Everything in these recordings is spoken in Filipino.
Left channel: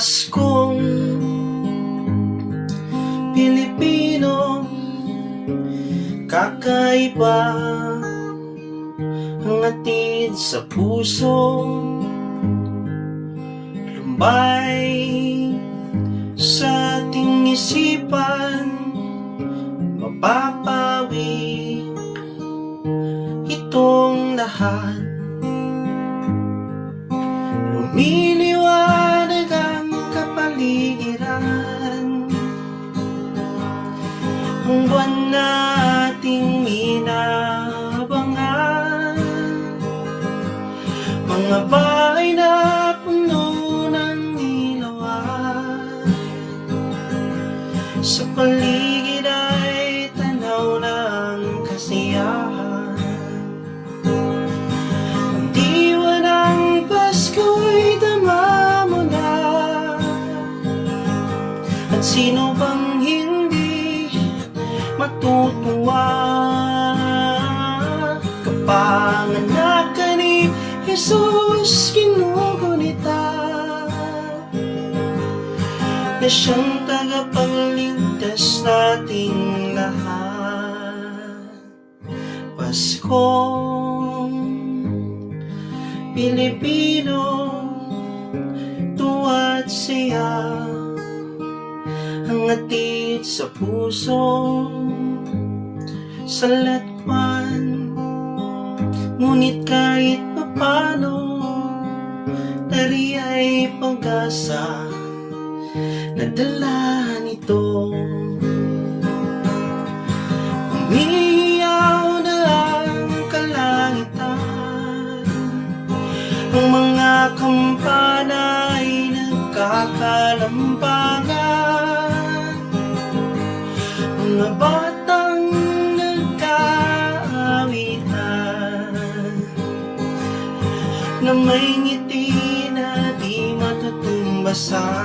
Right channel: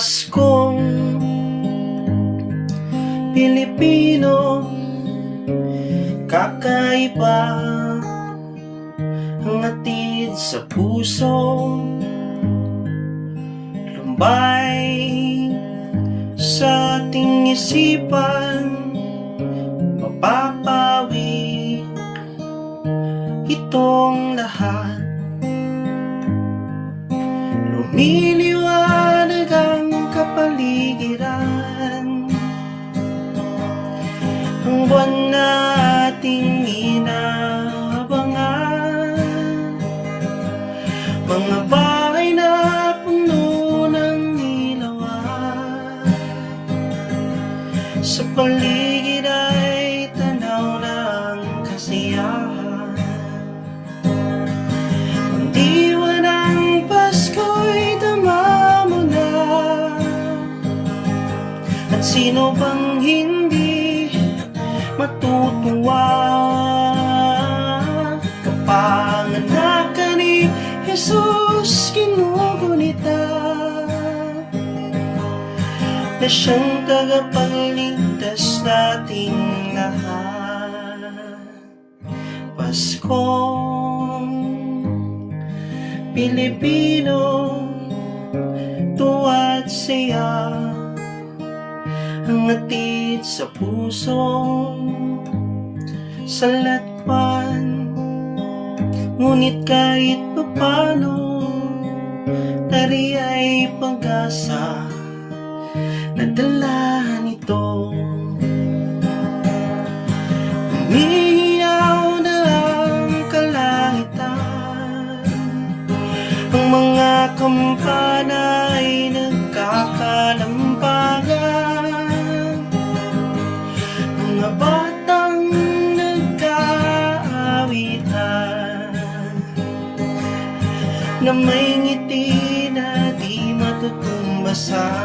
Paskong Pilipino, kakaiba ang hatid sa puso, lumbay sa ating isipan, mapapawi itong lahat. Lumiliwanag ang kapaligiran, ang buwan na ating inaabangan, mga bahay na puno ng ilawan, sa paligid ay tanaw ng kasiyahan. Ang diwa ng Pasko'y dama mo na, at sino bang hindi matutuwa? Kapanganak ka ni Jesus, kinugunita na siyang tagapagligtas nating lahat. Paskong Pilipino, tuwa't saya ang hatid sa puso, sa latwan. Ngunit kahit papano, tari ay pag-asa na dala nito. Umiyaw na ang kalangitan, ang mga kampana ay nagkakalambagan, mga batang nagkaawitan, na may ngiti na di matutumbasan.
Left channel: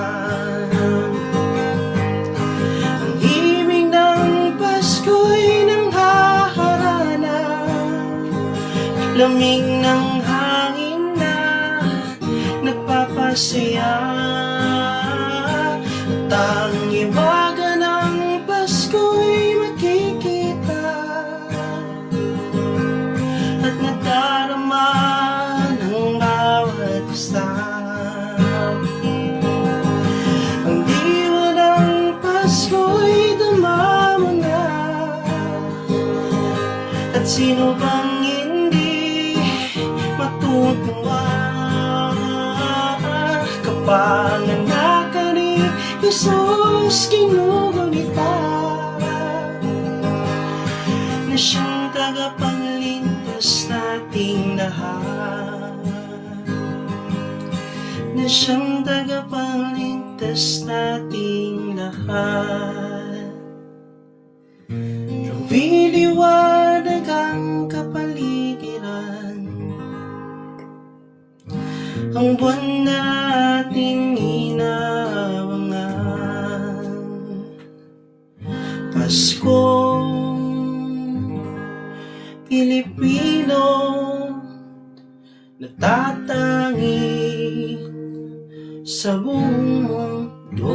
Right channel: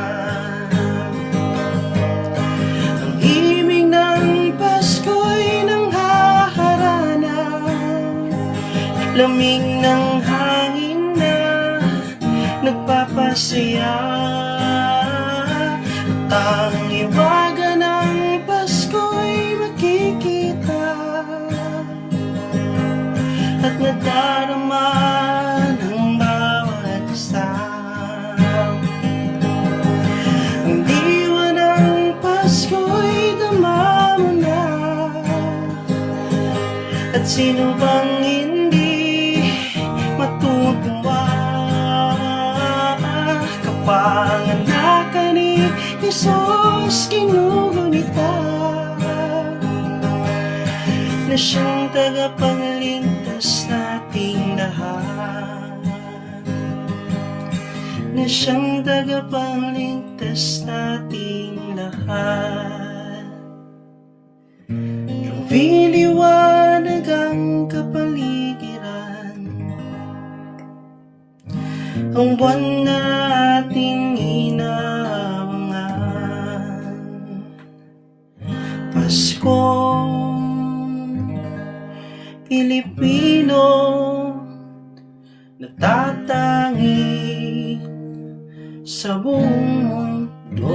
Ang himig ng Pasko'y nanghaharana, lamig ng hangin na nagpapasaya, at ang iwaga ng Pasko'y makikita at nadarama ng bawat isa. Ang diwa ng Pasko'y dama mo na, at sino bang hindi matutuwa? Kapanganak ka ni Jesus, kinugunita na siyang tagapagligtas nating lahat, na siyang tagapagligtas nating lahat. Lumiliwanag ang kapaligiran, ang buwan na ating inaabangan. Paskong Pilipino, natatangi sa buong mundo.